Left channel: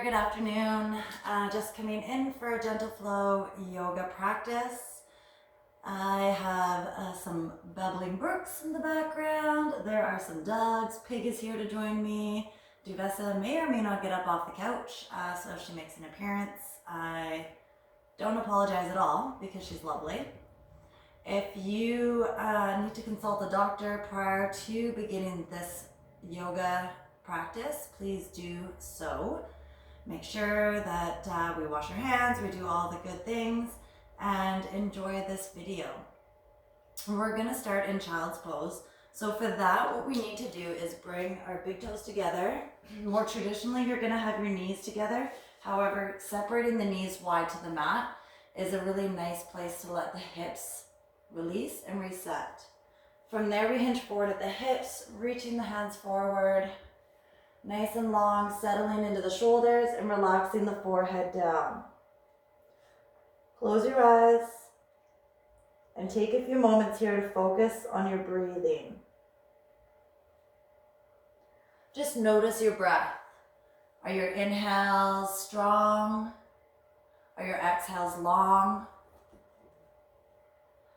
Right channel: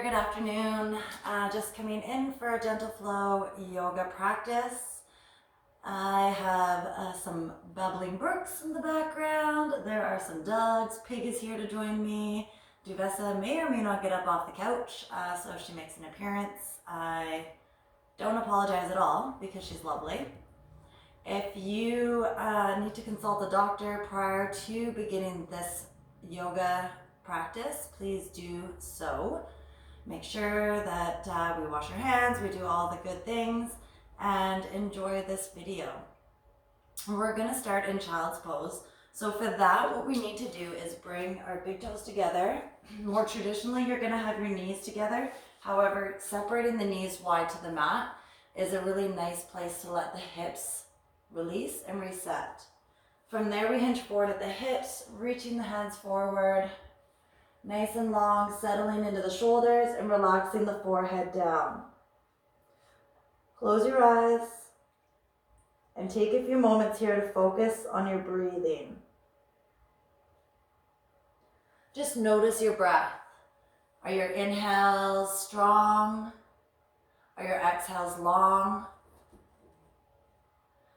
there, good afternoon. Just coming in for a gentle flow yoga practice. I have some bubbling brooks in the background. There are some dogs. Pig is here to join me. Duvessa may or may not get up off the couch, so she makes an appearance. I don't apologize at all because she's lovely. If you need to consult a doctor prior to beginning this yoga practice, please do so. Make sure that we wash our hands, we do all the good things, and enjoy this video. We're gonna start in child's pose. So for that, what we need to do is bring our big toes together. More traditionally, you're gonna have your knees together. However, separating the knees wide to the mat is a really nice place to let the hips release and reset. From there, we hinge forward at the hips, reaching the hands forward, nice and long, settling into the shoulders and relaxing the forehead down. Close your eyes and take a few moments here to focus on your breathing. Just notice your breath. Are your inhales strong? Are your exhales long?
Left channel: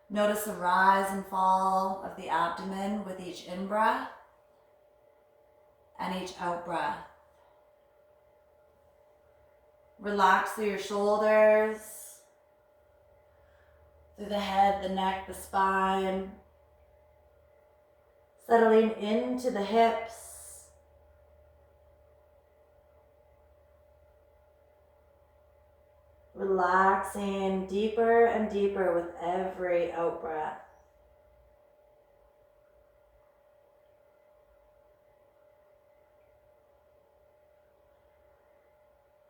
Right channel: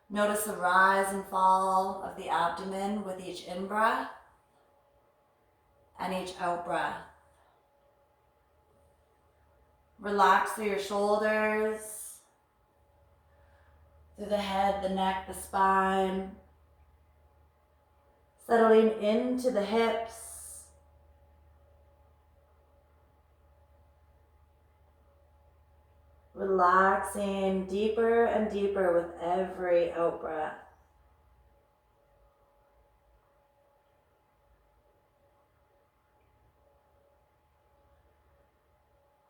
Notice the rise and fall of the abdomen with each in-breath and each out-breath. Relax through your shoulders, through the head, the neck, the spine, settling into the hips, relaxing deeper and deeper with every out-breath.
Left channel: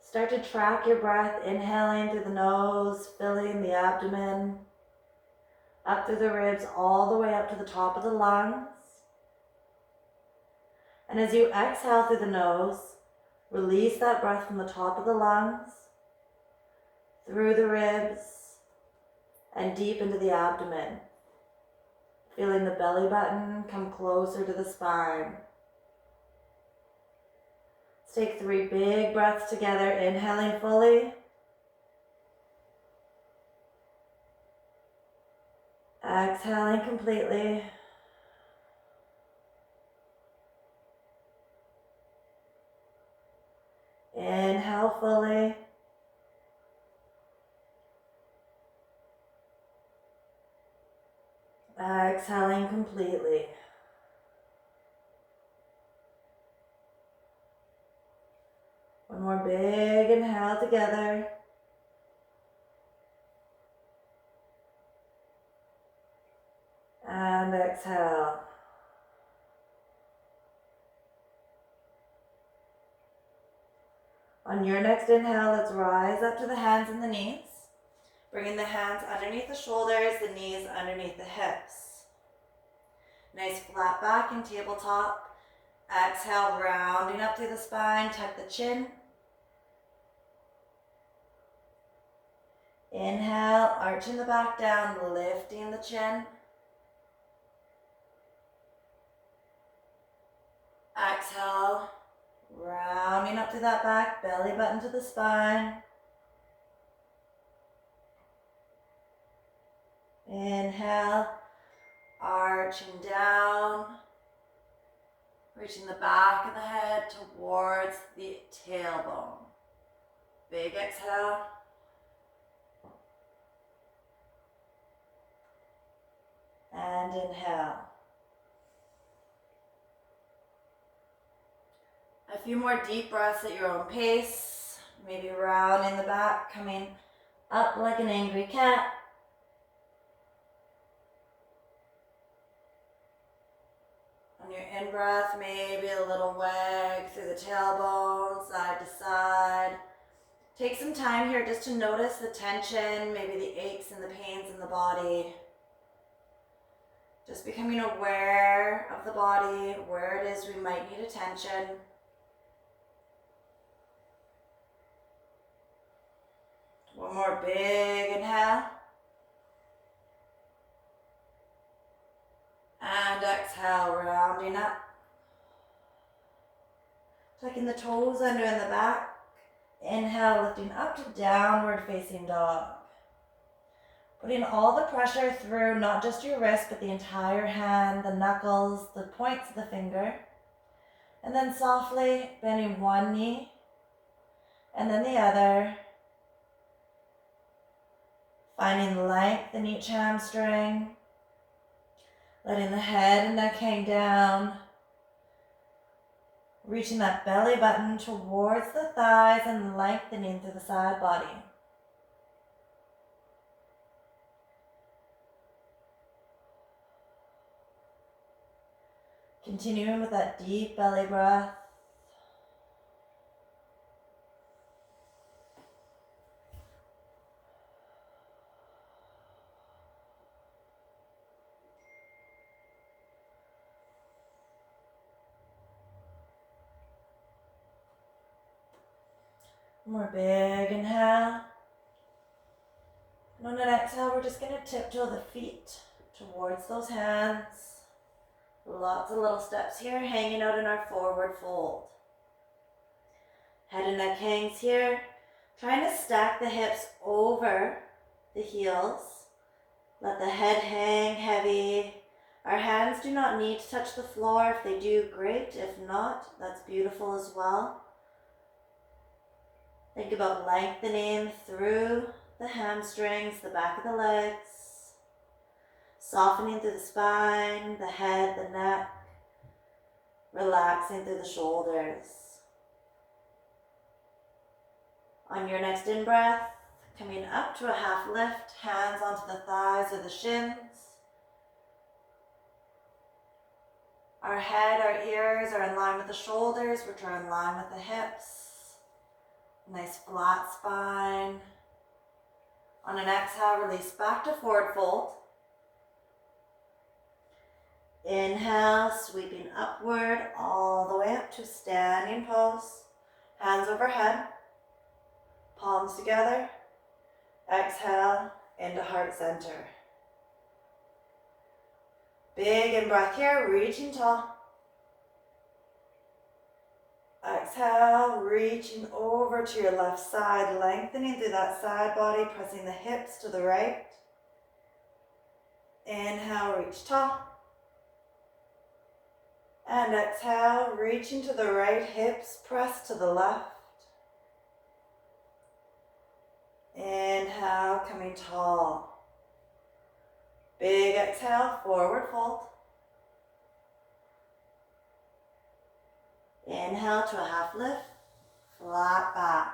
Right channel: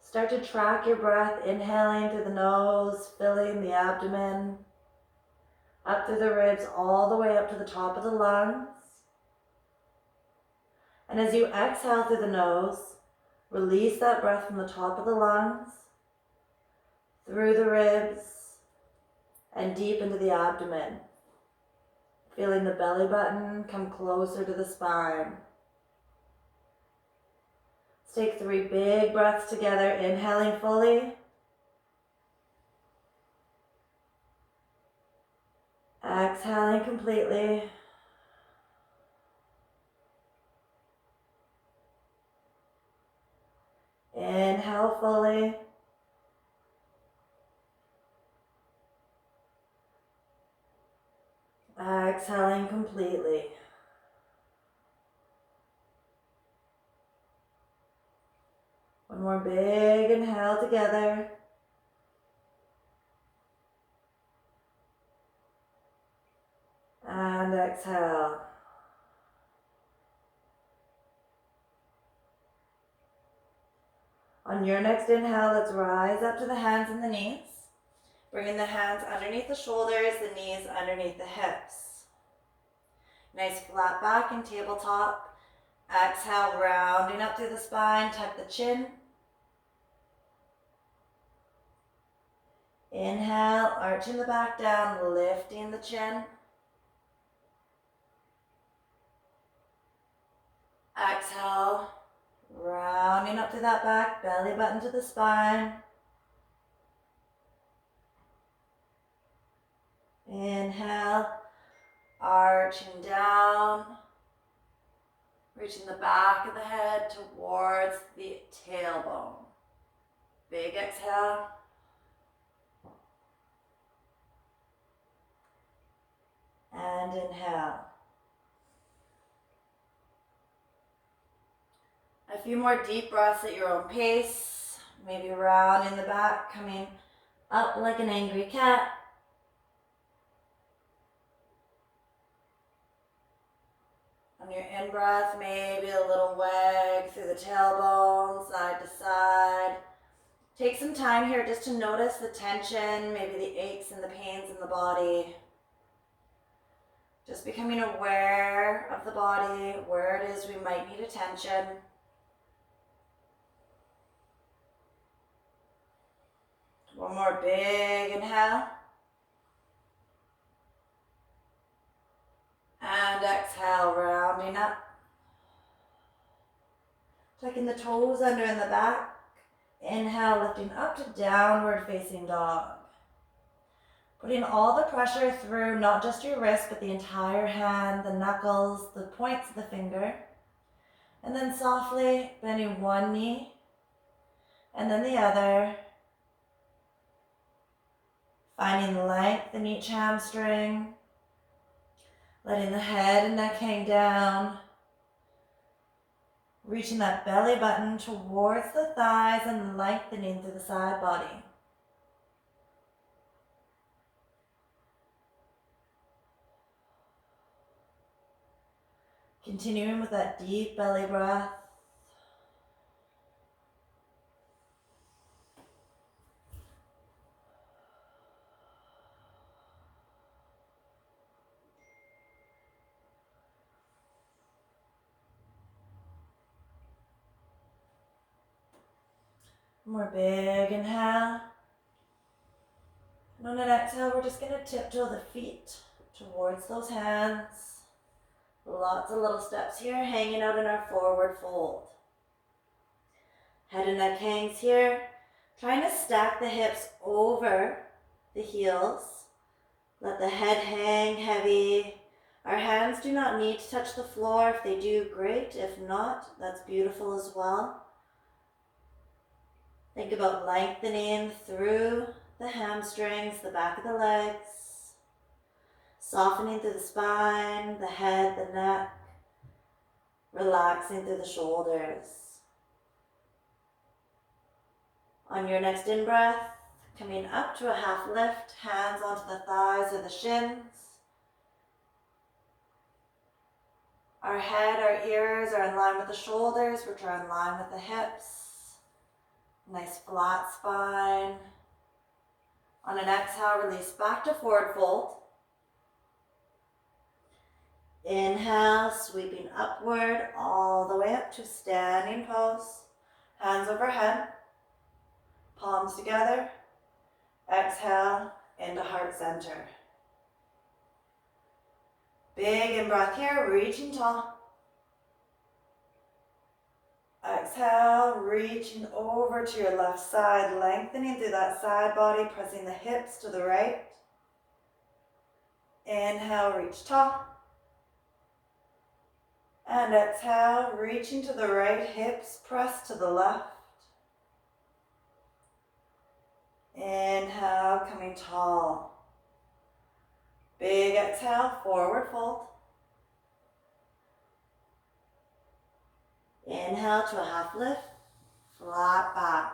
Start to track your breath, inhaling through the nose, filling the abdomen, up through the ribs, all the way up to the top of the lungs. And as you exhale through the nose, release that breath from the top of the lungs, through the ribs, and deep into the abdomen. Feeling the belly button come closer to the spine. Let's take 3 big breaths together, inhaling fully. Exhaling completely. Inhale fully. Exhaling completely. One more big inhale together. And exhale. On your next inhale, let's rise up to the hands and the knees. Bringing the hands underneath the shoulders, the knees underneath the hips. Nice flat back and tabletop. Exhale, rounding up through the spine, tuck the chin. Inhale, arching the back down, lifting the chin. Exhale, rounding up through that back, belly button to the spine. Inhale, arching down, reaching the back of the head towards the tailbone. Big exhale. And inhale. A few more deep breaths at your own pace. Maybe rounding the back, coming up like an angry cat. On your in-breath, maybe a little wag through the tailbone, side to side. Take some time here just to notice the tension, maybe the aches and the pains in the body. Just becoming aware of the body, where it is we might need attention. One more big inhale. And exhale, rounding up. Tucking the toes under in the back. Inhale, lifting up to downward facing dog. Putting all the pressure through not just your wrist, but the entire hand, the knuckles, the points of the finger. And then softly bending one knee and then the other. Finding length in each hamstring. Letting the head and neck hang down. Reaching that belly button towards the thighs and lengthening through the side body. Continuing with that deep belly breath. More big inhale. And on an exhale, we're just going to tiptoe the feet towards those hands. Lots of little steps here, hanging out in our forward fold. Head and neck hangs here. Trying to stack the hips over the heels. Let the head hang heavy. Our hands do not need to touch the floor. If they do, great. If not, that's beautiful as well. Think about lengthening through the hamstrings, the back of the legs. Softening through the spine, the head, the neck. Relaxing through the shoulders. On your next in-breath, coming up to a half lift, hands onto the thighs or the shins. Our head, our ears are in line with the shoulders, which are in line with the hips. Nice flat spine. On an exhale, release back to forward fold. Inhale, sweeping upward all the way up to standing pose. Hands overhead. Palms together. Exhale into heart center. Big in-breath here, reaching tall. Exhale, reaching over to your left side, lengthening through that side body, pressing the hips to the right. Inhale, reach tall. And exhale, reaching to the right, hips press to the left. Inhale, coming tall. Big exhale, forward fold. Inhale to a half lift, flat back.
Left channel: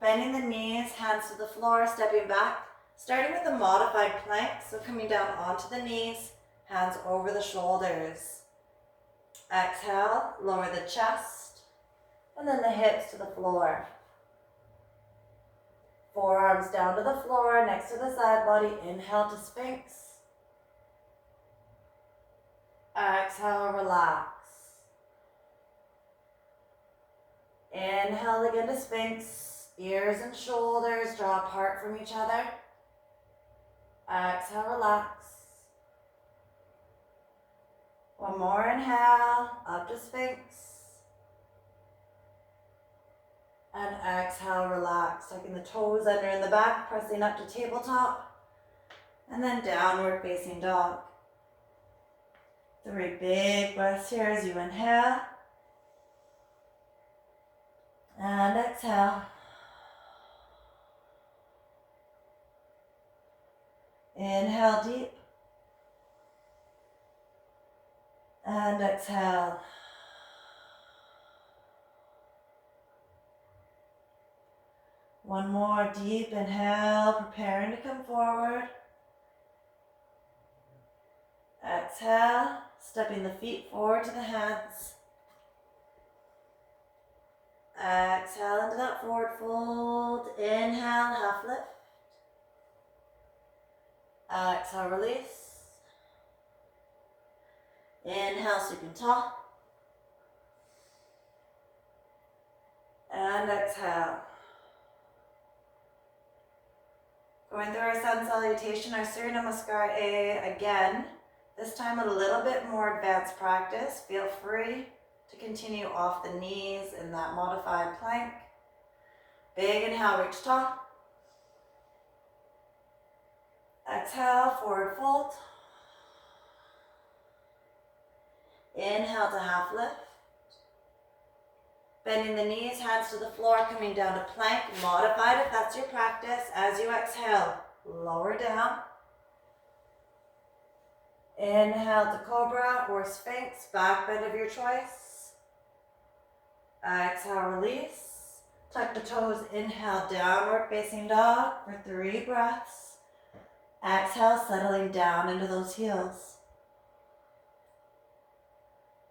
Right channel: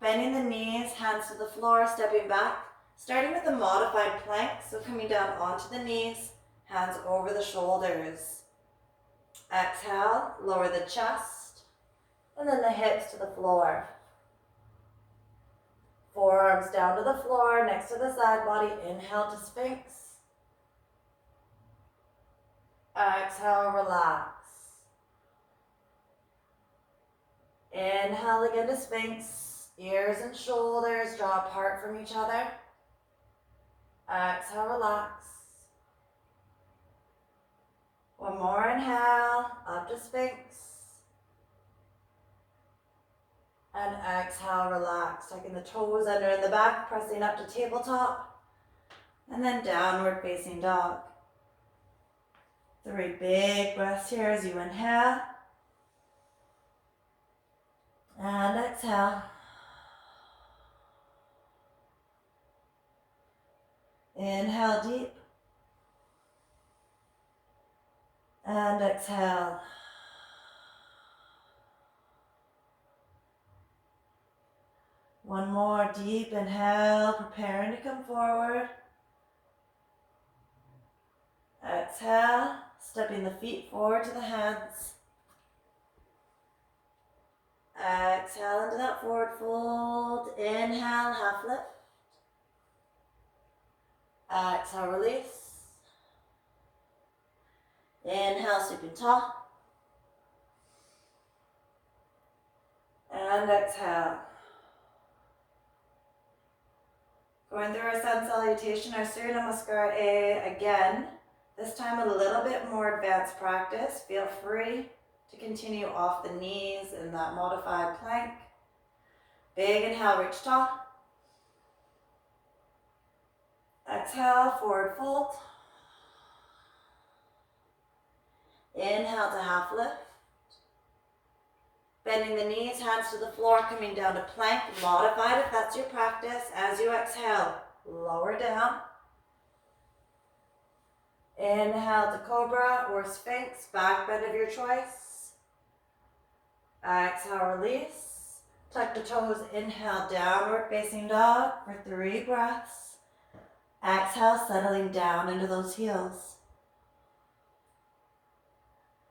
Bending the knees, hands to the floor, stepping back. Starting with a modified plank, so coming down onto the knees, hands over the shoulders. Exhale, lower the chest, and then the hips to the floor. Forearms down to the floor, next to the side body. Inhale to Sphinx. Exhale, relax. Inhale again to Sphinx. Ears and shoulders draw apart from each other. Exhale, relax. One more inhale, up to Sphinx. And exhale, relax. Tucking the toes under in the back, pressing up to tabletop. And then downward facing dog. 3 big breaths here as you inhale. And exhale. Inhale deep. And exhale. One more deep inhale, preparing to come forward. Exhale, stepping the feet forward to the hands. Exhale into that forward fold. Inhale, half lift. Exhale, release. Inhale, sleeping tall. And exhale. Going through our sun salutation, our Surya Namaskar A again. This time a little bit more advanced practice. Feel free to continue off the knees in that modified plank. Big inhale, reach tall. Exhale, forward fold. Inhale to half lift. Bending the knees, hands to the floor, coming down to plank. Modified if that's your practice. As you exhale, lower down. Inhale to cobra or sphinx, back bend of your choice. Exhale, release. Tuck the toes, inhale, downward facing dog for 3 breaths. Exhale, settling down into those heels.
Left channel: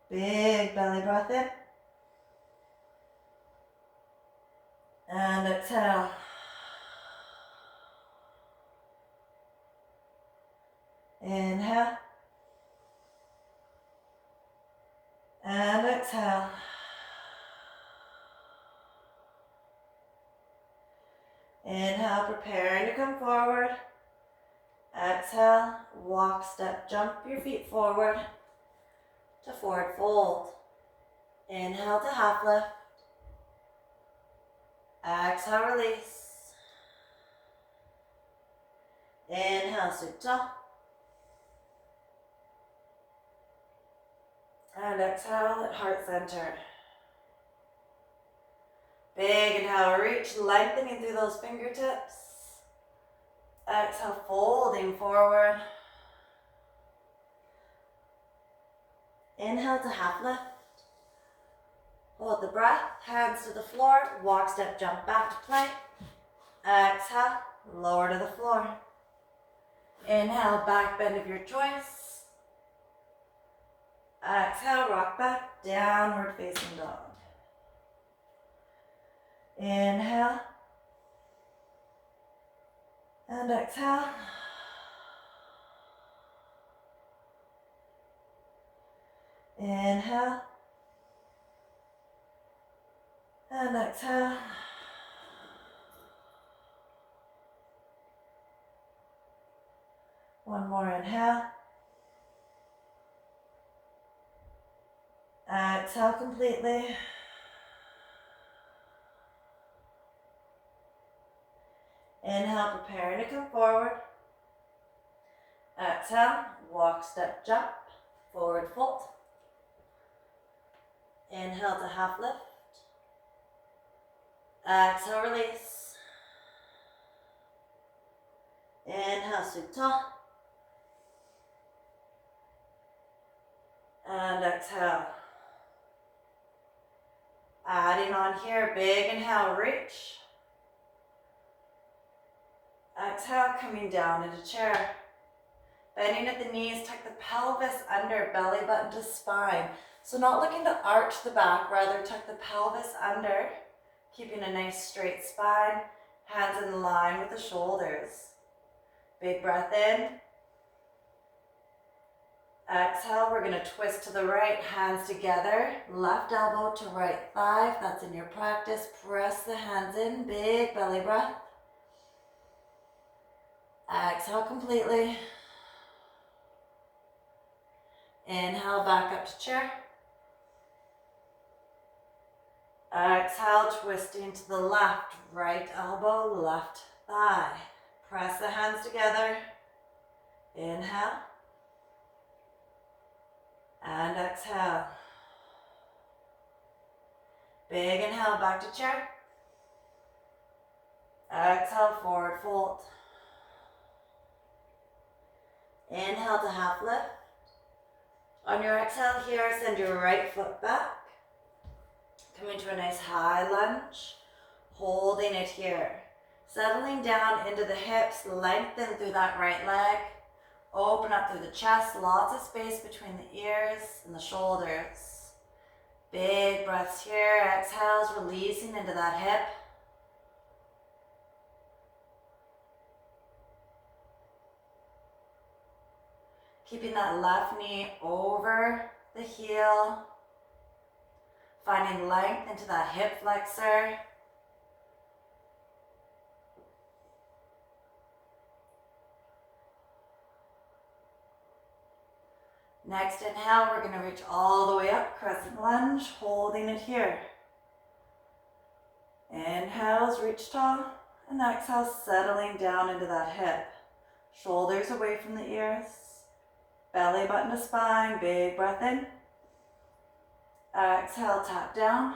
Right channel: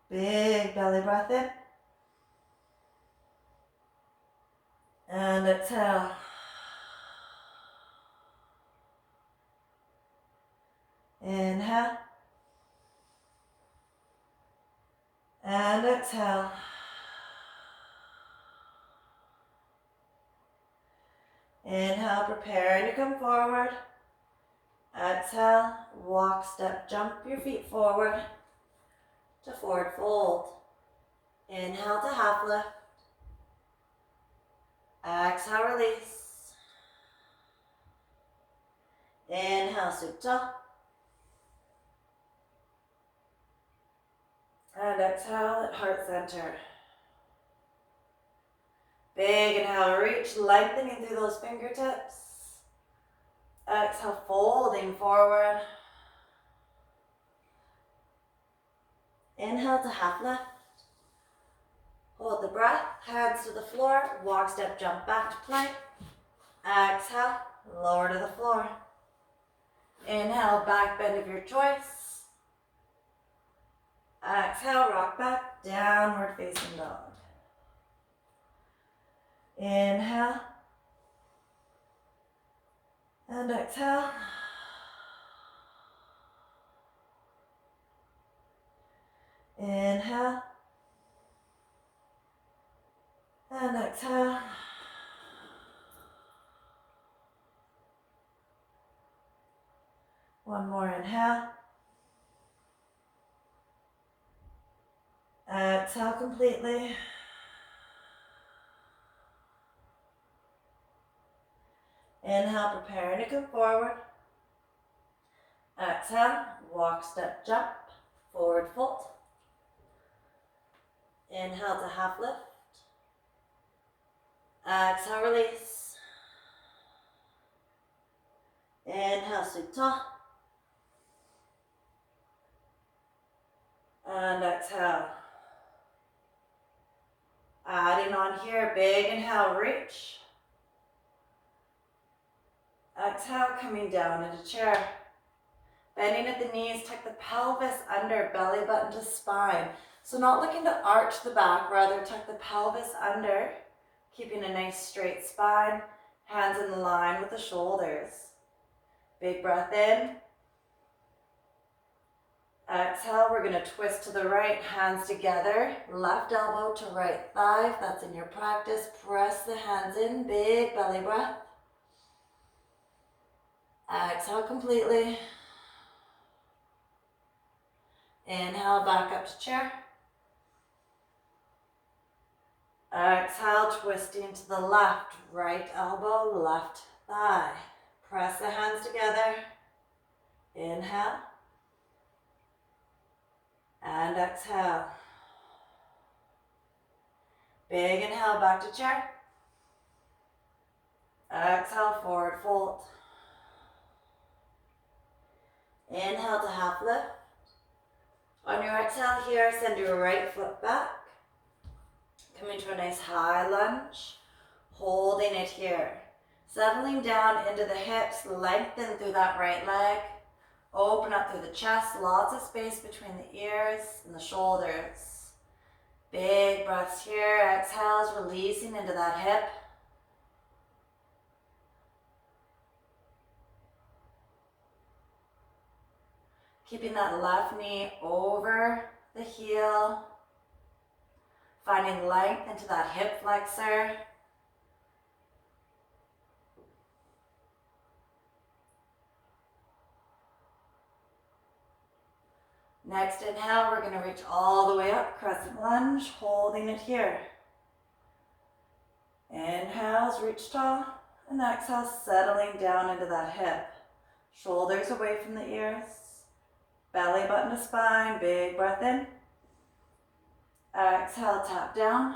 Big belly breath in. And exhale. Inhale. And exhale. Inhale, preparing to come forward. Exhale, walk, step, jump your feet forward to forward fold. Inhale to half lift. Exhale, release. Inhale, supta. And exhale at heart center. Big inhale, reach, lengthening through those fingertips. Exhale, folding forward. Inhale to half lift. Hold the breath, hands to the floor, walk, step, jump back to plank. Exhale, lower to the floor. Inhale, back bend of your choice. Exhale, rock back, downward facing dog. Inhale. And exhale. Inhale. And exhale. One more inhale. Exhale completely. Inhale, preparing to come forward. Exhale, walk, step, jump, forward fold. Inhale to half lift. Exhale, release. Inhale, supta. And exhale. Adding on here, big inhale, reach. Exhale, coming down into chair. Bending at the knees, tuck the pelvis under, belly button to spine. So not looking to arch the back, rather tuck the pelvis under, keeping a nice straight spine, hands in line with the shoulders. Big breath in. Exhale, we're going to twist to the right, hands together, left elbow to right thigh. If that's in your practice, press the hands in, big belly breath. Exhale completely. Inhale, back up to chair. Exhale, twisting to the left, right elbow, left thigh. Press the hands together. Inhale. And exhale. Big inhale, back to chair. Exhale, forward fold. Inhale to half lift. On your exhale here, send your right foot back. Coming to a nice high lunge. Holding it here. Settling down into the hips, lengthen through that right leg. Open up through the chest, lots of space between the ears and the shoulders. Big breaths here, exhales, releasing into that hip. Keeping that left knee over the heel. Finding length into that hip flexor. Next inhale, we're going to reach all the way up, crescent lunge, holding it here. Inhales, reach tall. And exhale, settling down into that hip. Shoulders away from the ears. Belly button to spine. Big breath in. Exhale, tap down.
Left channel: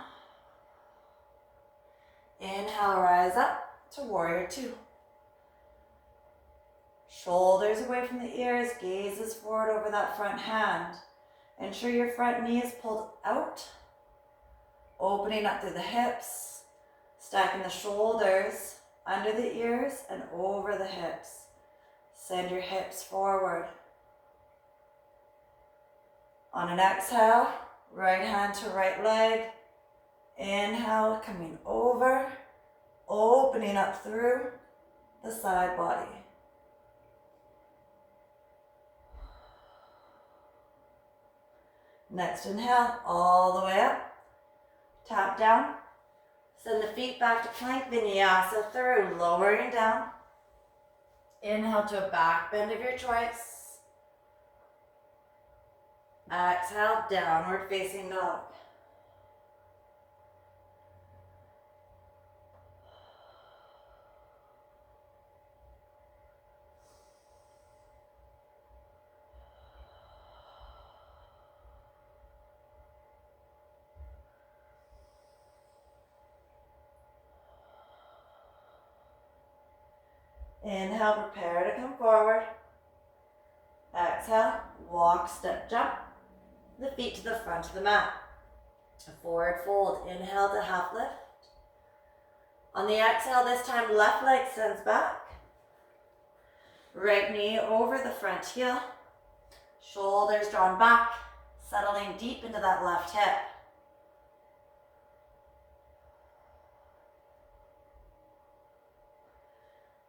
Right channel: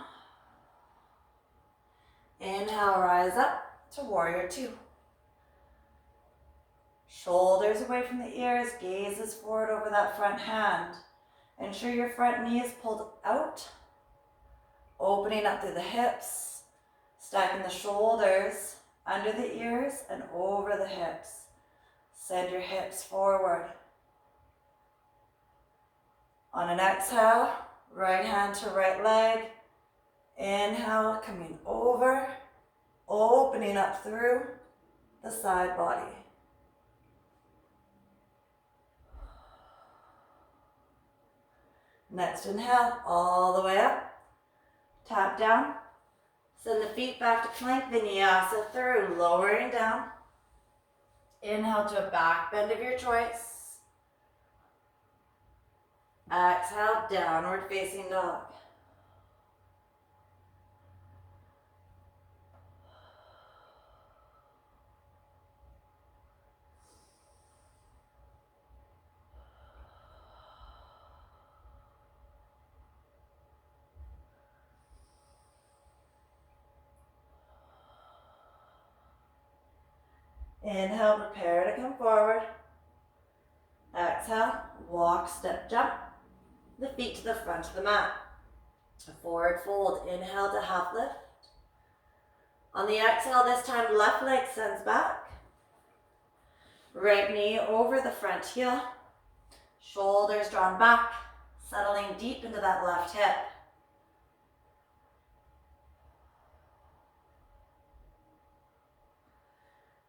Inhale, rise up to warrior two. Shoulders away from the ears, gazes forward over that front hand. Ensure your front knee is pulled out, opening up through the hips, stacking the shoulders under the ears and over the hips. Send your hips forward. On an exhale, right hand to right leg. Inhale, coming over, opening up through the side body. Next inhale, all the way up. Tap down. Send the feet back to plank, vinyasa through, lowering down. Inhale to a back bend of your choice. Exhale, downward facing dog. Inhale, prepare to come forward. Exhale, walk, step, jump. The feet to the front of the mat. A forward fold, inhale to half lift. On the exhale, this time left leg sends back. Right knee over the front heel. Shoulders drawn back, settling deep into that left hip.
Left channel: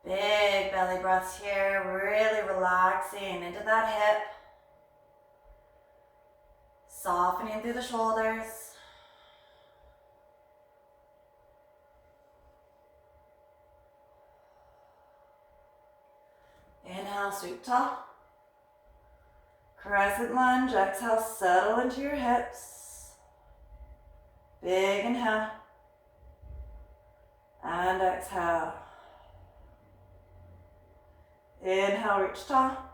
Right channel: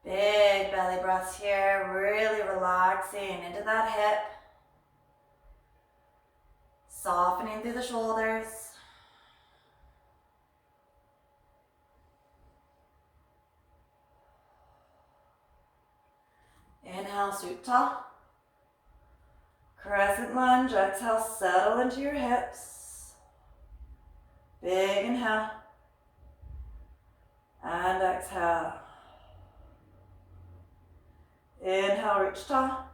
Big belly breaths here, really relaxing into that hip. Softening through the shoulders. Inhale, sweep tall. Crescent lunge, exhale, settle into your hips. Big inhale. And exhale. Inhale, reach tall.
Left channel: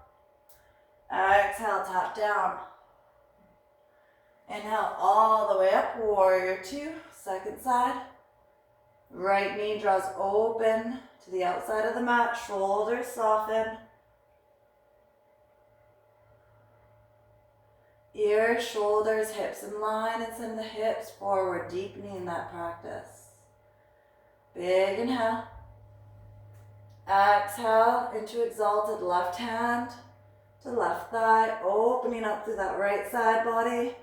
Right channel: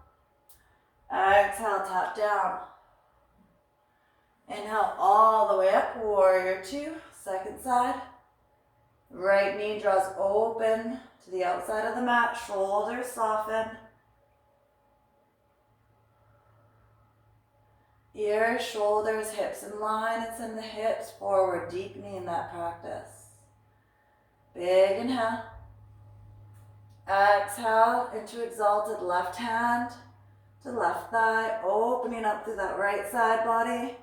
Exhale, tap down. Inhale all the way up, warrior two, second side. Right knee draws open to the outside of the mat, shoulders soften. Ears, shoulders, hips in line, and send the hips forward, deepening that practice. Big inhale. Exhale into exalted left hand to left thigh, opening up through that right side body.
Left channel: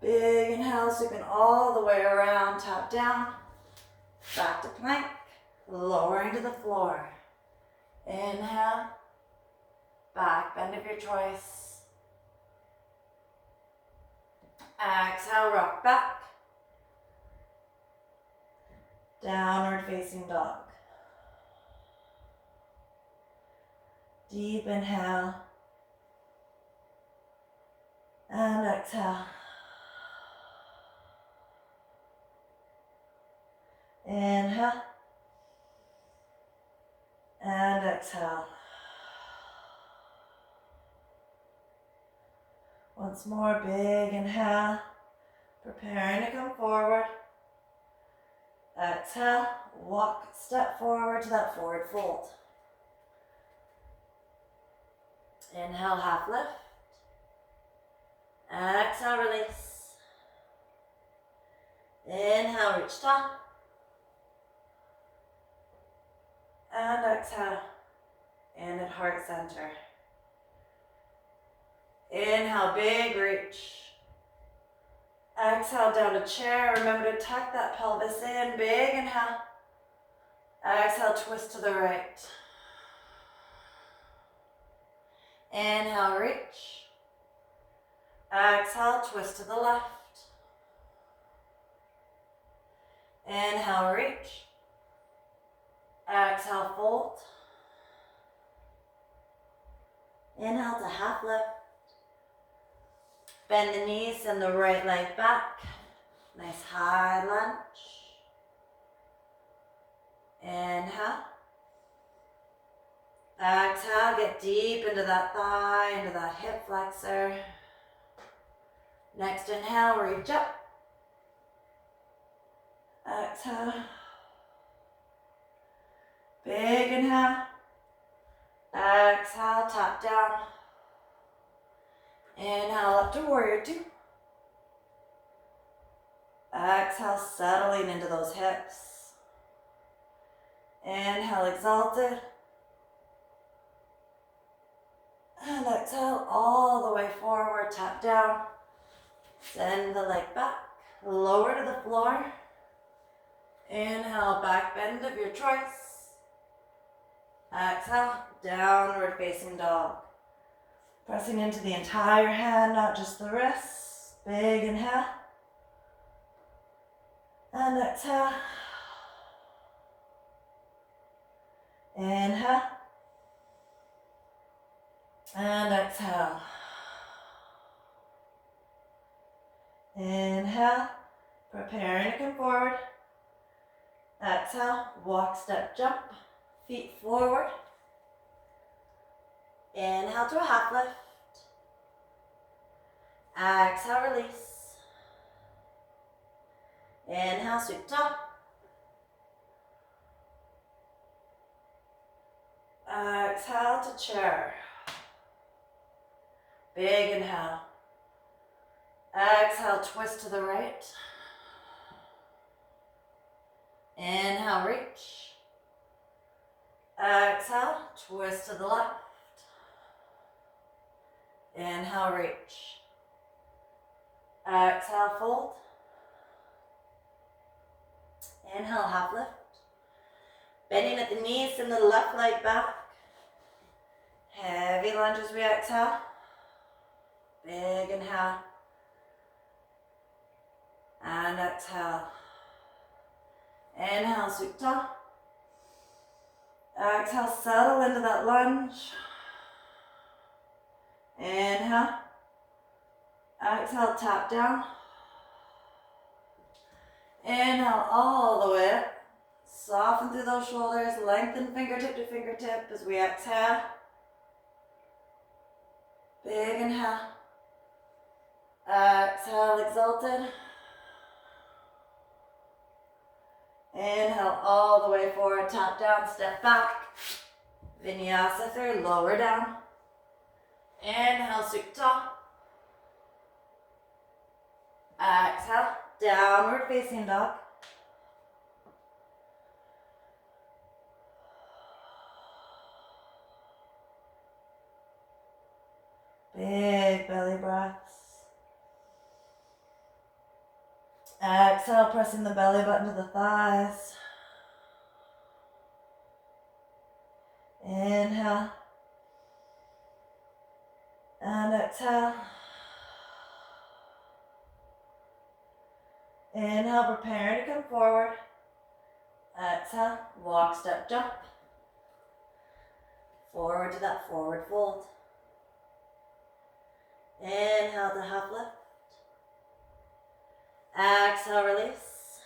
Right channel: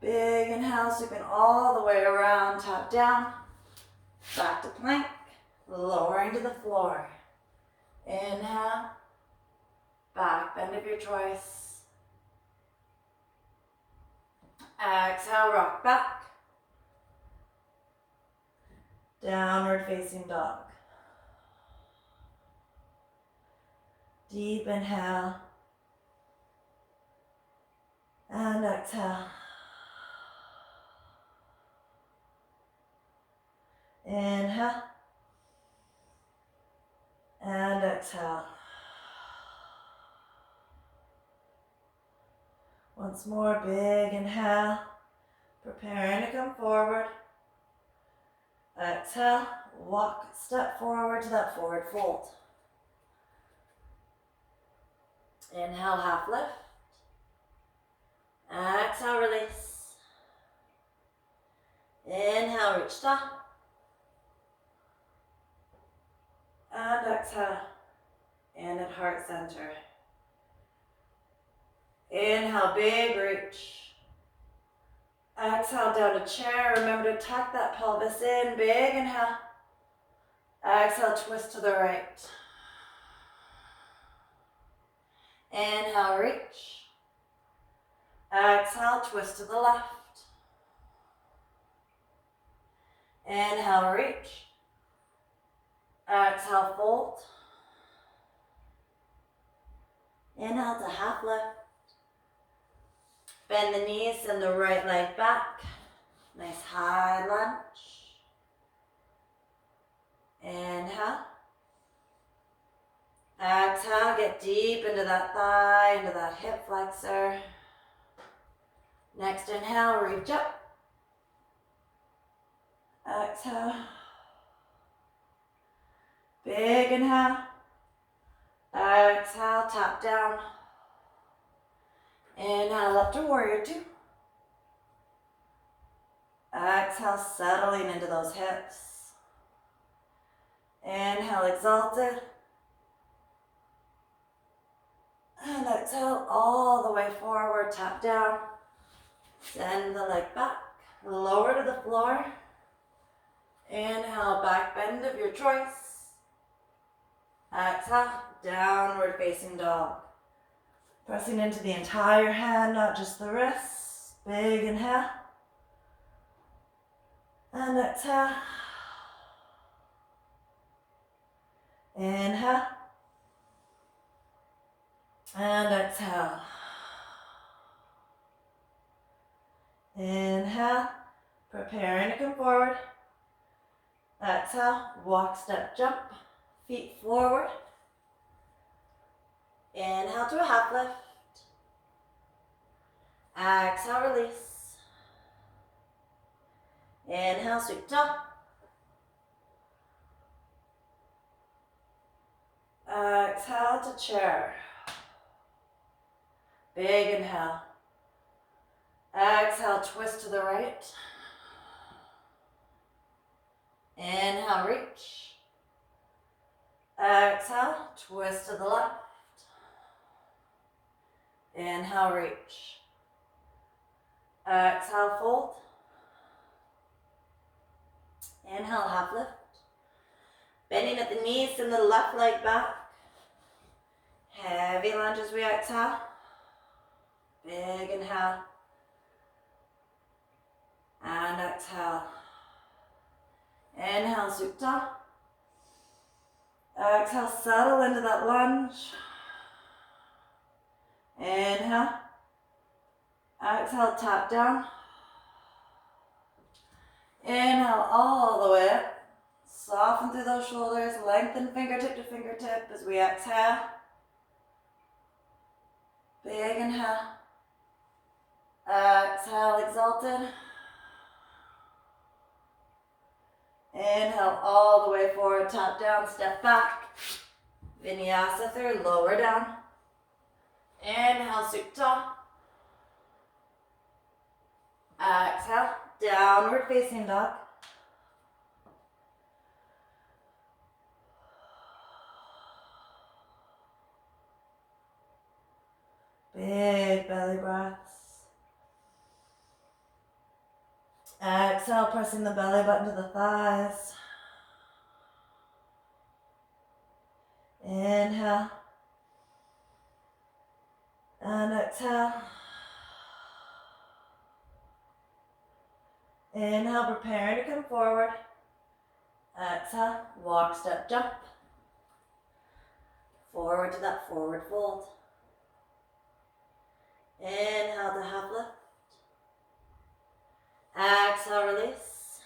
Big inhale, sweeping all the way around, tap down, back to plank, lowering to the floor. Inhale, back bend of your choice. Exhale, rock back. Downward facing dog. Deep inhale. And exhale. Inhale. And exhale. Once more, big inhale, preparing to come forward. Exhale, walk, step forward to that forward fold. Inhale, half lift. Exhale, release. Inhale, reach tall. And exhale, in at heart center. Inhale, big reach. Exhale, down to chair. Remember to tuck that pelvis in. Big inhale. Exhale, twist to the right. Inhale, reach. Exhale, twist to the left. Inhale, reach. Exhale, fold. Inhale to half lift. Bend the knees and the right leg back. Nice high lunge. Inhale. Exhale, get deep into that thigh, into that hip flexor. Next inhale, reach up. Exhale. Big inhale. Exhale, tap down. Inhale up to warrior two. Exhale, settling into those hips. Inhale, exalted. And exhale all the way forward, tap down. Send the leg back, lower to the floor. Inhale, back bend of your choice. Exhale, downward facing dog. Pressing into the entire hand, not just the wrists. Big inhale. And exhale. Inhale. And exhale. Inhale. Preparing to come forward. Exhale. Walk, step, jump. Feet forward. Inhale to a half lift. Exhale, release. Inhale, sweep top. Exhale to chair. Big inhale. Exhale, twist to the right. Inhale, reach. Exhale, twist to the left. Inhale, reach. Exhale, fold. Inhale, half lift. Bending at the knees and the left leg back. Heavy lunge as we exhale. Big inhale. And exhale. Inhale, supta. Exhale, settle into that lunge. Inhale. Exhale, tap down. Inhale all the way up. Soften through those shoulders. Lengthen fingertip to fingertip as we exhale. Big inhale. Exhale, exalted. Inhale all the way forward, tap down, step back. Vinyasa through, lower down. Inhale, supta. Exhale, downward facing dog. Big belly breaths. Exhale, pressing the belly button to the thighs. Inhale. And exhale. Inhale, preparing to come forward. Exhale, walk, step, jump. Forward to that forward fold. Inhale to half lift. Exhale, release.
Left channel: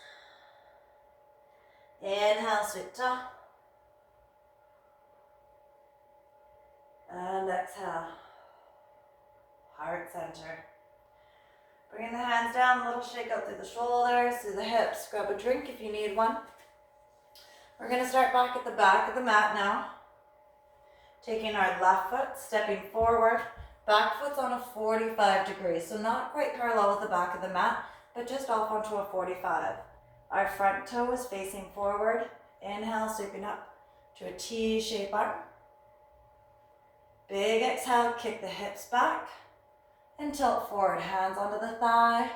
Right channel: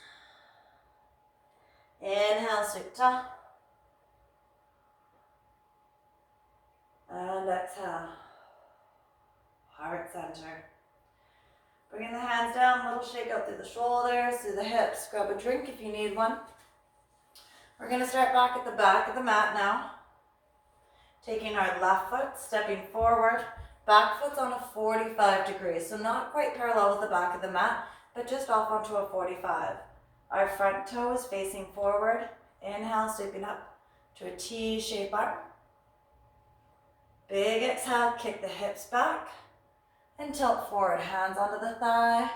Inhale, sweep top. And exhale. Heart center. Bringing the hands down, a little shake out through the shoulders, through the hips. Grab a drink if you need one. We're going to start back at the back of the mat now. Taking our left foot, stepping forward. Back foot's on a 45 degrees, so not quite parallel with the back of the mat, but just off onto a 45. Our front toe is facing forward. Inhale, sweeping up to a T-shaped arm. Big exhale, kick the hips back and tilt forward. Hands onto the thigh.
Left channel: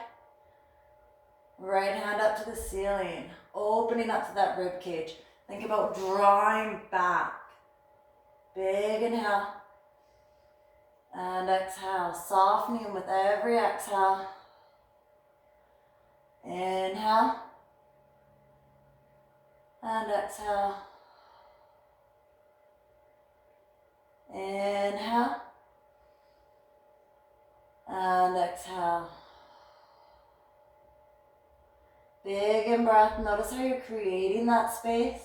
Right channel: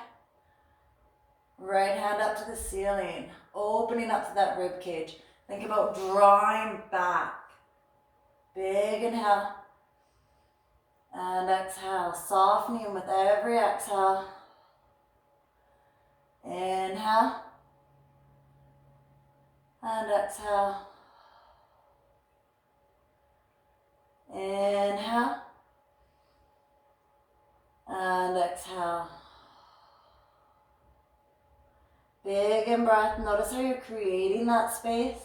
Right hand up to the ceiling, opening up to that rib cage. Think about drawing back. Big inhale. And exhale, softening with every exhale. Inhale. And exhale. Inhale. And exhale. Big in breath. Notice how you're creating that space.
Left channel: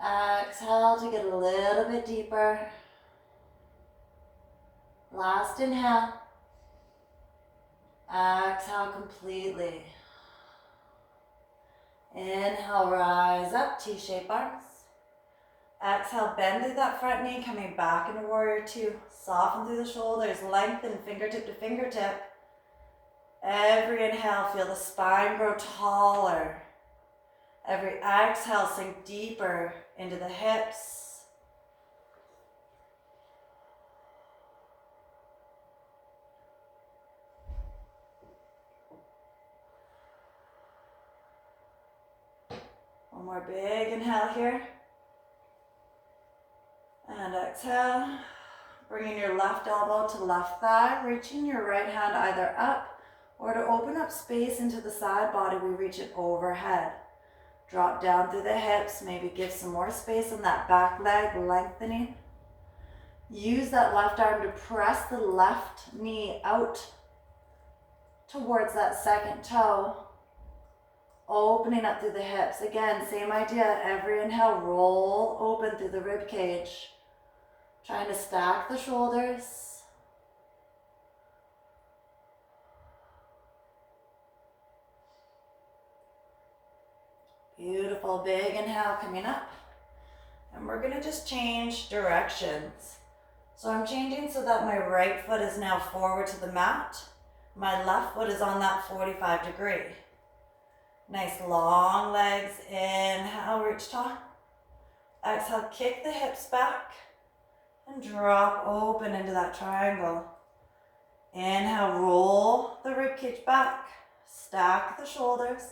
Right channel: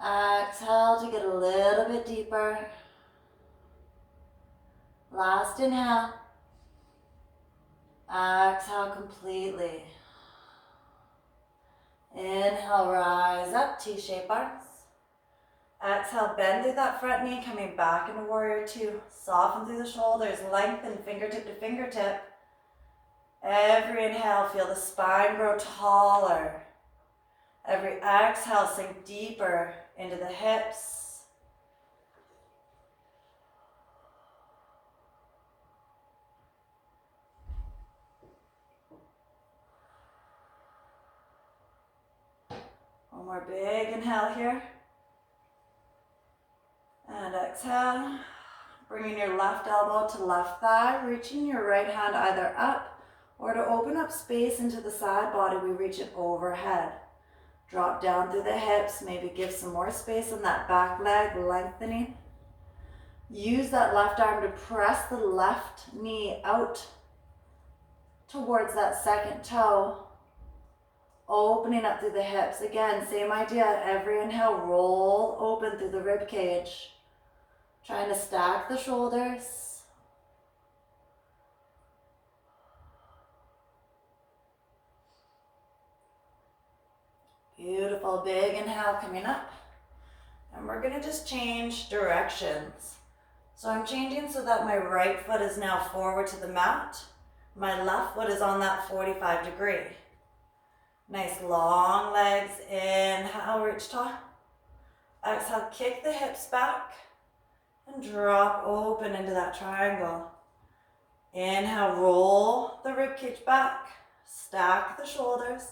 Exhale to get a little bit deeper. Last inhale. Exhale completely. Inhale, rise up, T-shaped arms. Exhale, bend through that front knee, coming back into warrior two. Soften through the shoulders, lengthen fingertip to fingertip. Every inhale, feel the spine grow taller. Every exhale, sink deeper into the hips. One more big inhale here. And exhale. Bringing your left elbow to left thigh, reaching your right hand either up or to open up space into the side body, we reach it overhead. Drop down through the hips, maybe give some more space on that back leg, lengthening. Use that left arm to press the left knee out towards that second toe, opening up through the hips. Again, same idea, every inhale, roll open through the rib cage. Trying to stack the shoulders. Beautiful, big inhale coming up. And we're gonna just change directions. So I'm changing so that my right foot is now forward to the mat. My left foot is on that 45-degree. Nice long legs, inhale, reach tall. Exhale, kick the hips back. And drop open into that triangle. Inhale, roll the ribcage back. Stack the shoulders.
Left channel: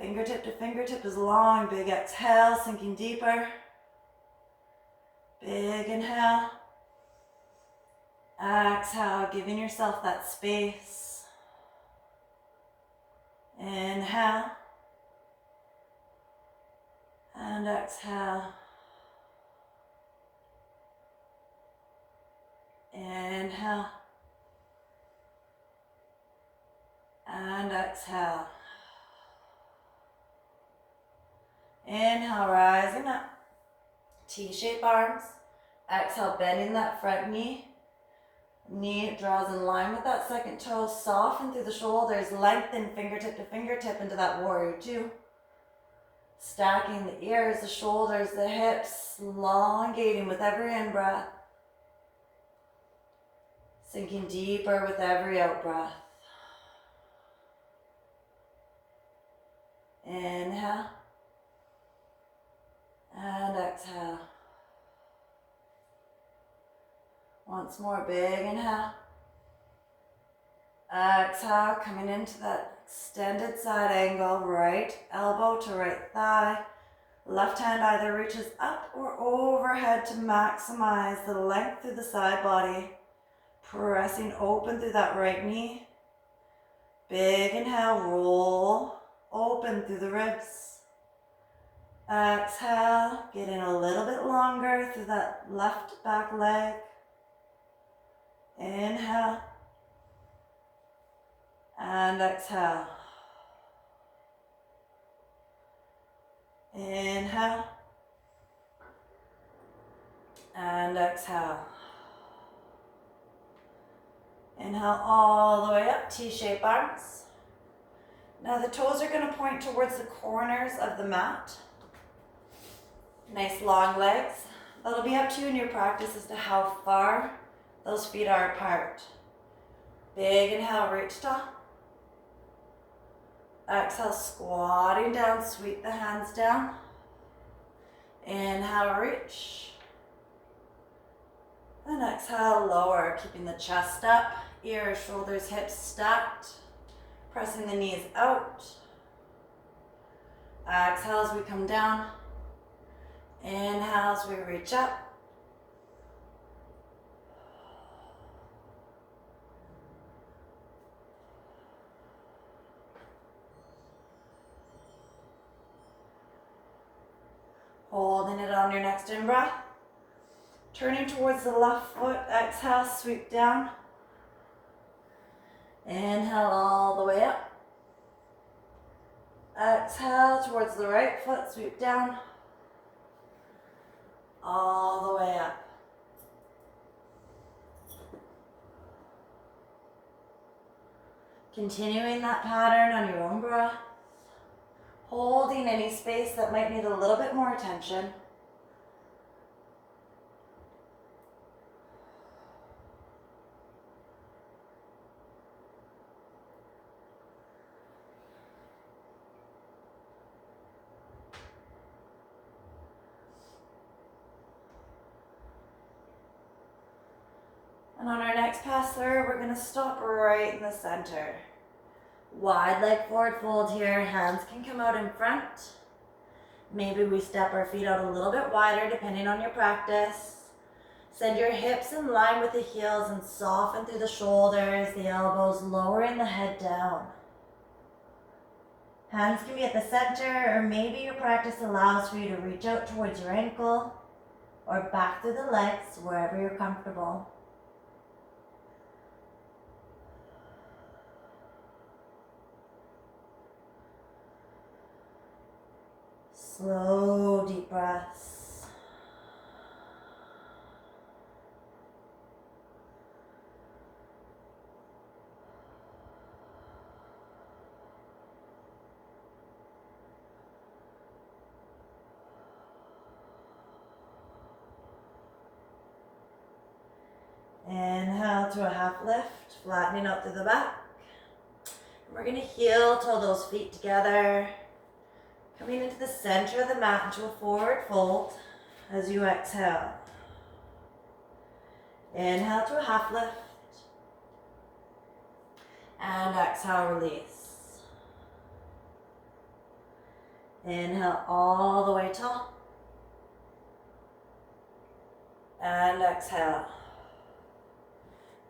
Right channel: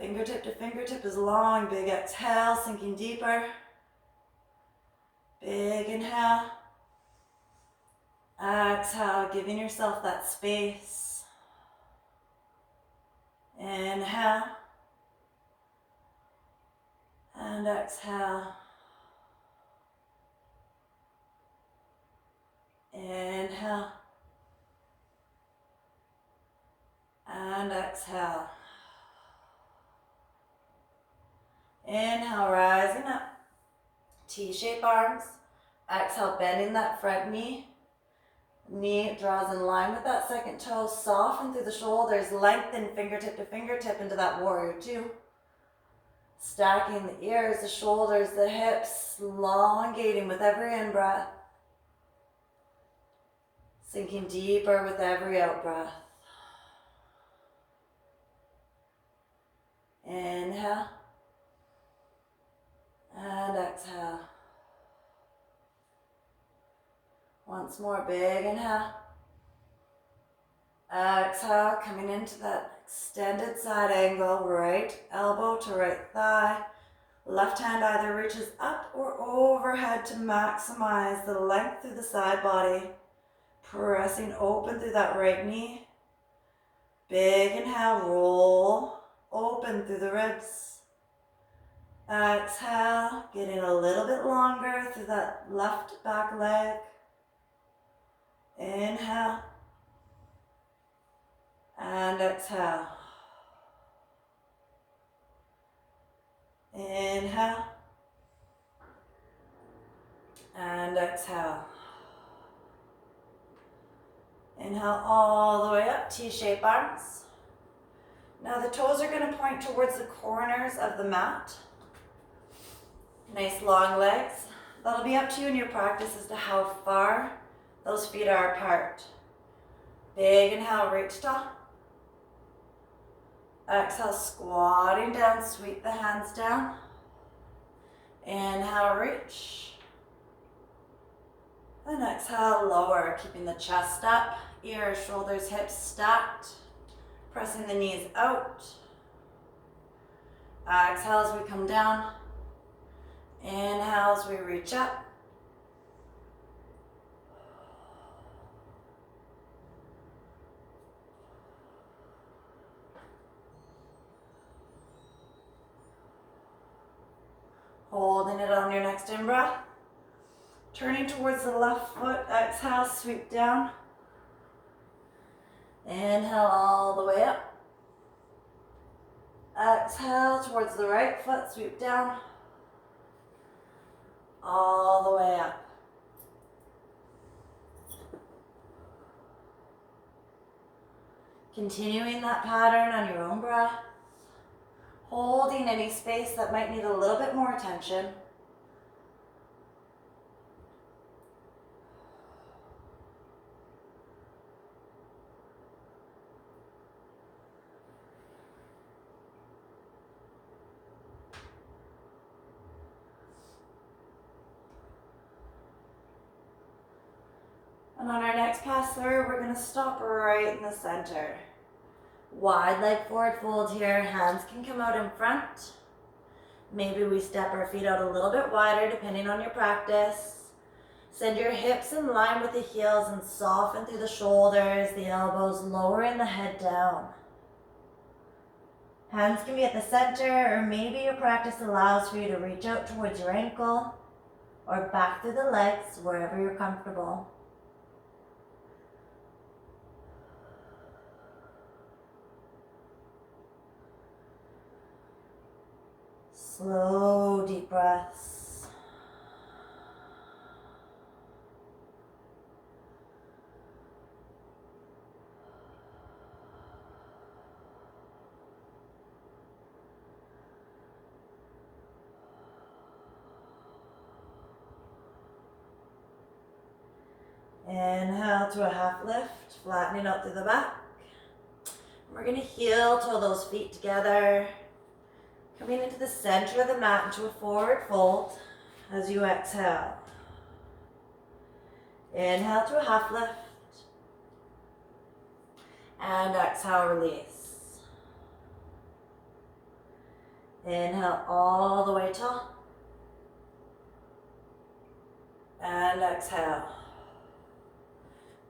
Fingertip to fingertip is long. Big exhale, sinking deeper. Big inhale. Exhale, giving yourself that space. Inhale. And exhale. Inhale. And exhale. Inhale, rising up. T-shaped arms. Exhale, bending that front knee. Knee draws in line with that second toe. Soften through the shoulders. Lengthen fingertip to fingertip into that warrior two. Stacking the ears, the shoulders, the hips. Elongating with every in-breath. Sinking deeper with every out-breath. Inhale. And exhale. Once more, big inhale. Exhale, coming into that extended side angle, right elbow to right thigh. Left hand either reaches up or overhead to maximize the length through the side body. Pressing open through that right knee. Big inhale, roll open through the ribs. Exhale, getting a little bit longer through that left back leg. Inhale. And exhale. Inhale. And exhale. Inhale all the way up, T-shaped arms. Now the toes are going to point towards the corners of the mat. Nice long legs. That'll be up to you in your practice as to how far those feet are apart. Big inhale, reach tall. Exhale, squatting down, sweep the hands down. Inhale, reach. And exhale, lower, keeping the chest up. Ears, shoulders, hips stacked. Pressing the knees out. Exhale as we come down. Inhale as we reach up. Holding it on your next in-breath. Turning towards the left foot, exhale, sweep down. Inhale all the way up. Exhale towards the right foot, sweep down. All the way up. Continuing that pattern on your own breath. Holding any space that might need a little bit more attention. And on our next pass through, we're going to stop right in the center. Wide leg forward fold here. Hands can come out in front. Maybe we step our feet out a little bit wider depending on your practice. Send your hips in line with the heels and soften through the shoulders, the elbows, lowering the head down. Hands can be at the center, or maybe your practice allows for you to reach out towards your ankle or back through the legs, wherever you're comfortable. Slow, deep breaths. Inhale to a half lift, flattening out through the back. We're going to heel, toe those feet together. Coming into the center of the mat into a forward fold as you exhale. Inhale to a half lift. And exhale, release. Inhale all the way tall. And exhale.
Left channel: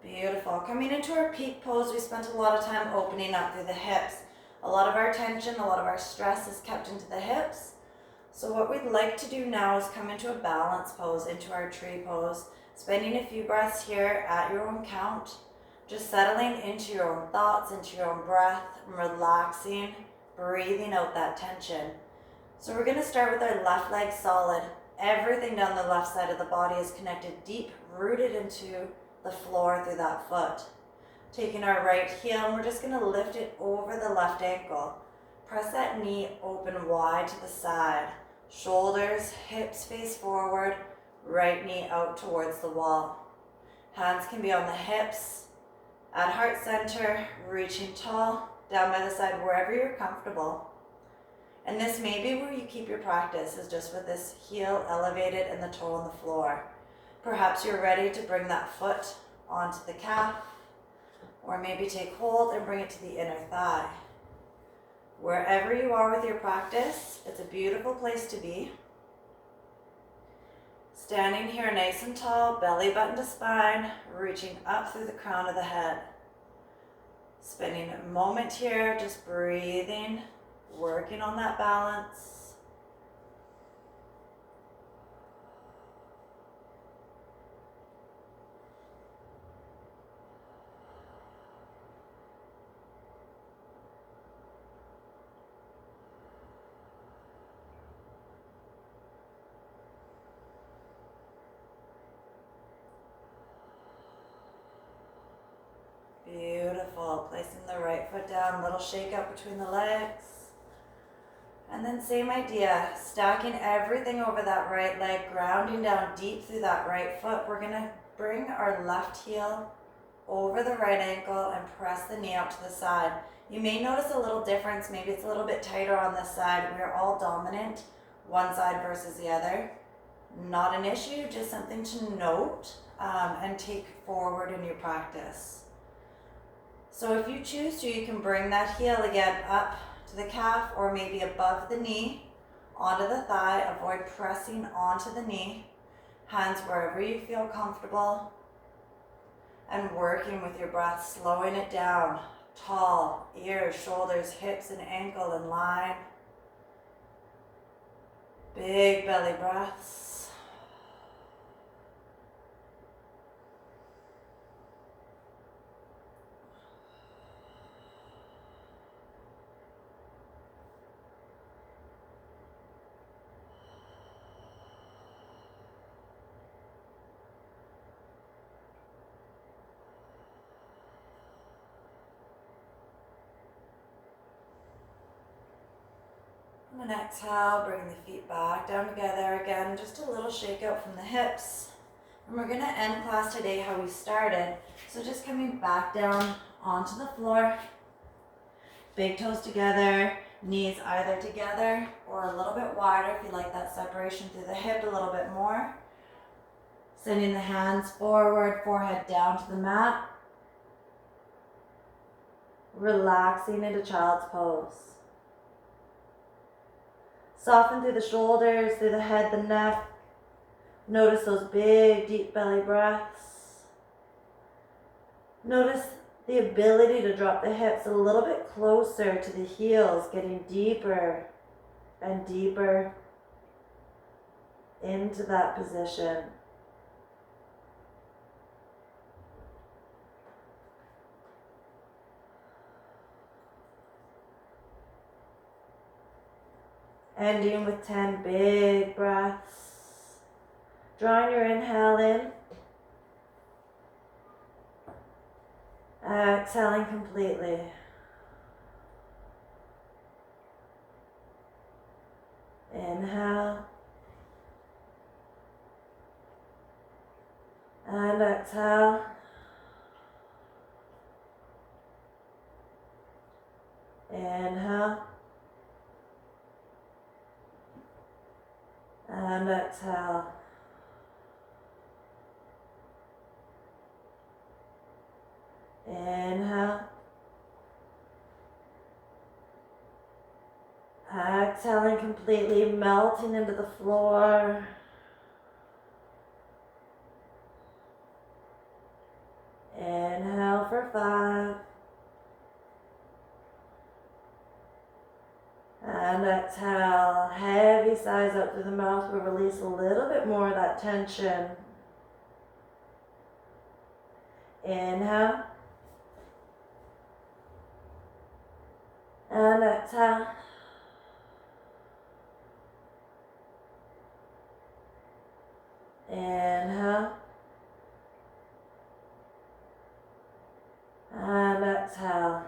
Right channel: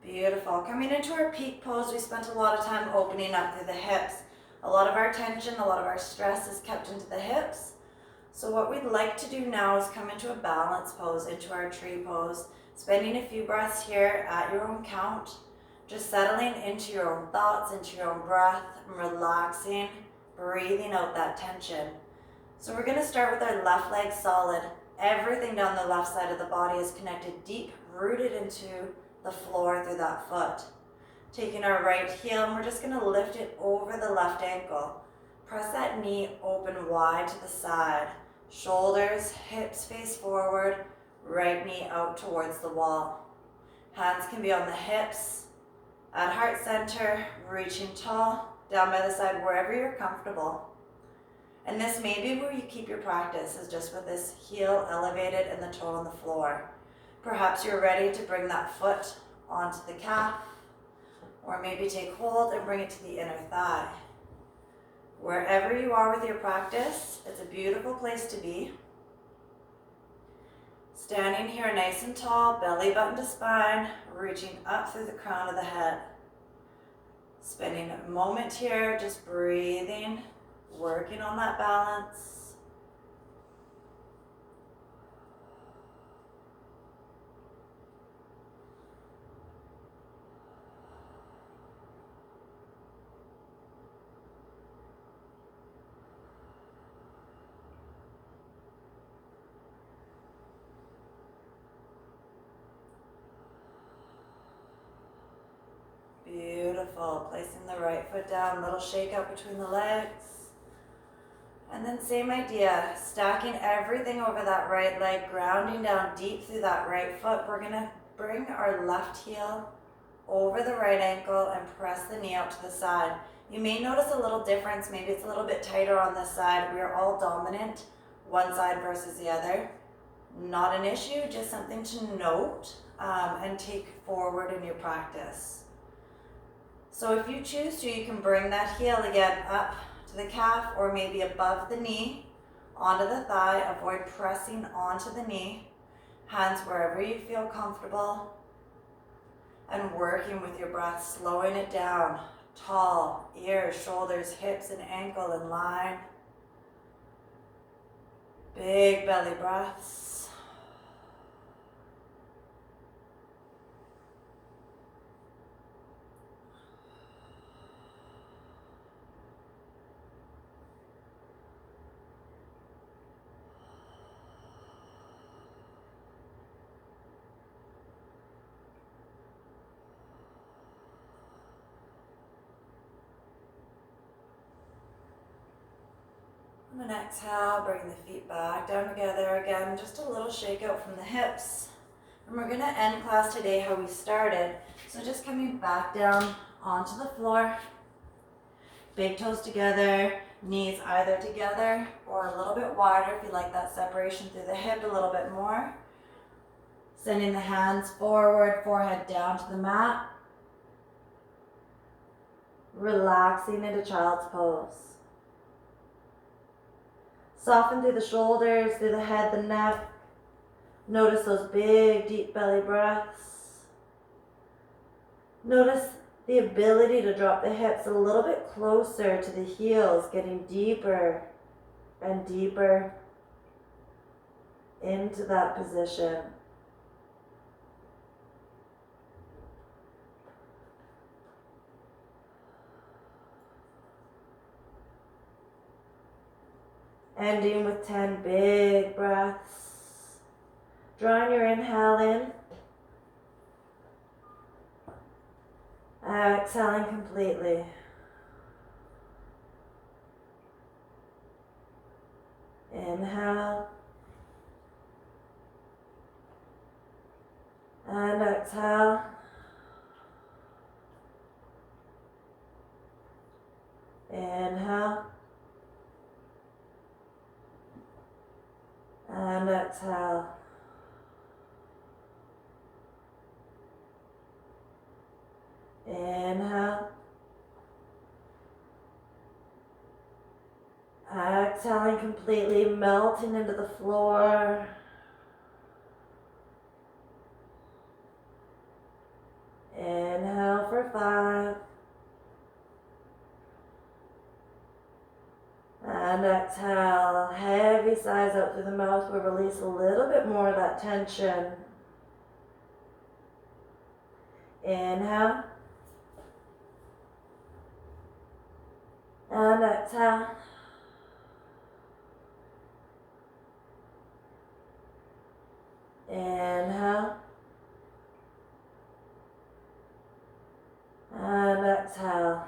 Beautiful. Coming into our peak pose, we spent a lot of time opening up through the hips. A lot of our tension, a lot of our stress is kept into the hips. So what we'd like to do now is come into a balance pose, into our tree pose. Spending a few breaths here at your own count. Just settling into your own thoughts, into your own breath, and relaxing, breathing out that tension. So we're going to start with our left leg solid. Everything down the left side of the body is connected deep, rooted into the floor through that foot. Taking our right heel, and we're just going to lift it over the left ankle. Press that knee open wide to the side. Shoulders, hips face forward, right knee out towards the wall. Hands can be on the hips, at heart center, reaching tall, down by the side, wherever you're comfortable. And this may be where you keep your practice, is just with this heel elevated and the toe on the floor. Perhaps you're ready to bring that foot onto the calf, or maybe take hold and bring it to the inner thigh. Wherever you are with your practice, it's a beautiful place to be. Standing here nice and tall, belly button to spine, reaching up through the crown of the head. Spending a moment here, just breathing, working on that balance. Beautiful. Placing the right foot down, little shake out between the legs. And then same idea, stacking everything over that right leg, grounding down deep through that right foot. We're going to bring our left heel over the right ankle and press the knee out to the side. You may notice a little difference. Maybe it's a little bit tighter on this side. We're all dominant, one side versus the other. Not an issue, just something to note and take forward in your practice. So if you choose to, you can bring that heel again up to the calf or maybe above the knee, onto the thigh. Avoid pressing onto the knee. Hands wherever you feel comfortable. And working with your breath, slowing it down. Tall, ears, shoulders, hips, and ankle in line. Big belly breaths. And then exhale, bring the feet back down together. Again, just a little shake out from the hips. And we're gonna end class today how we started. So just coming back down onto the floor. Big toes together, knees either together or a little bit wider if you like that separation through the hip a little bit more. Sending the hands forward, forehead down to the mat. Relaxing into child's pose. Soften through the shoulders, through the head, the neck. Notice those big, deep belly breaths. Notice the ability to drop the hips a little bit closer to the heels, getting deeper and deeper into that position. Ending with 10 big breaths. Drawing your inhale in. Exhaling completely. Inhale. And exhale. Inhale. And exhale. Inhale. Exhaling completely, melting into the floor. Inhale for 5. And exhale, heavy sighs out through the mouth. We'll release a little bit more of that tension. Inhale. And exhale. Inhale. And exhale.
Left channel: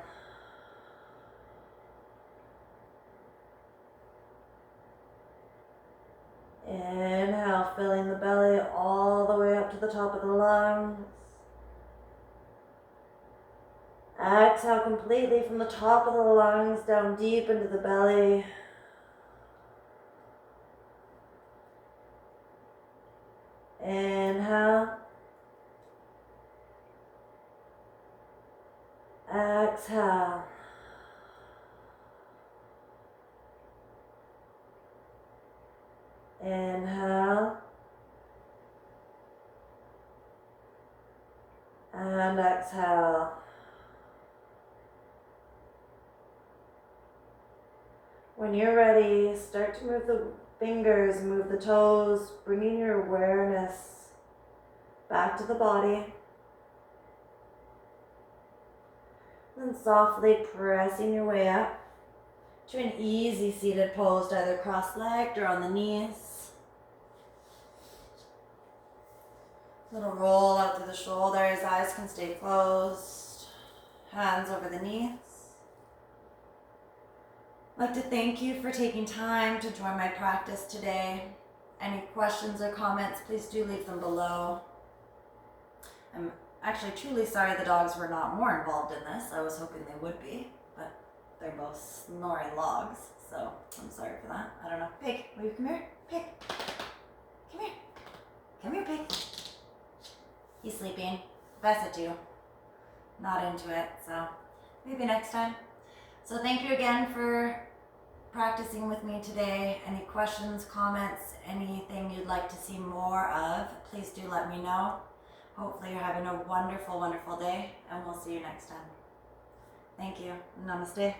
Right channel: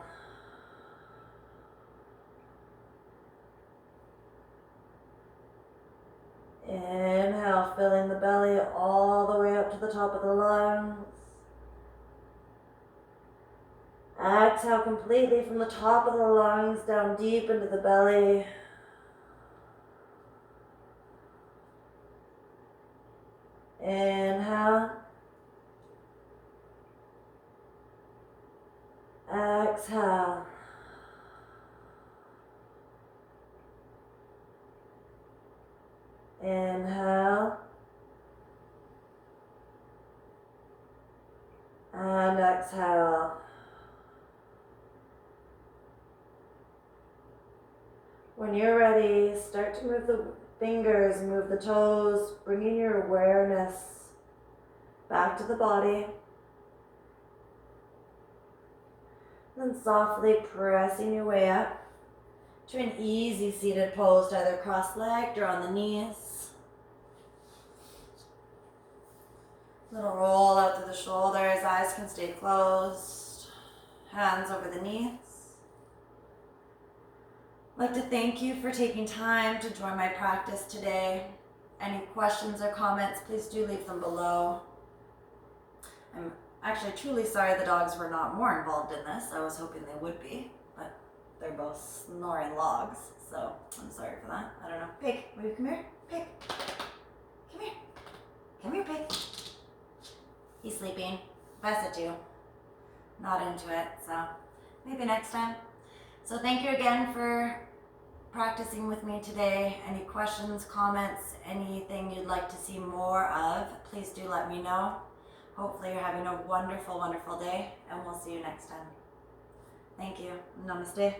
Inhale, filling the belly all the way up to the top of the lungs. Exhale completely from the top of the lungs down deep into the belly. Inhale. Exhale. Inhale. And exhale. When you're ready, start to move the fingers, move the toes, bringing your awareness back to the body. And then softly pressing your way up to an easy seated pose, either cross-legged or on the knees. Little roll out through the shoulders, eyes can stay closed, hands over the knees. I'd like to thank you for taking time to join my practice today. Any questions or comments, please do leave them below. I'm actually truly sorry the dogs were not more involved in this. I was hoping they would be, but they're both snoring logs, so I'm sorry for that. I don't know. Pig, will you come here? Pig, come here. Come here, Pig. He's sleeping. Bessa too. Not into it, so maybe next time. So thank you again for practicing with me today. Any questions, comments, anything you'd like to see more of, please do let me know. Hopefully you're having a wonderful, wonderful day, and we'll see you next time. Thank you. Namaste.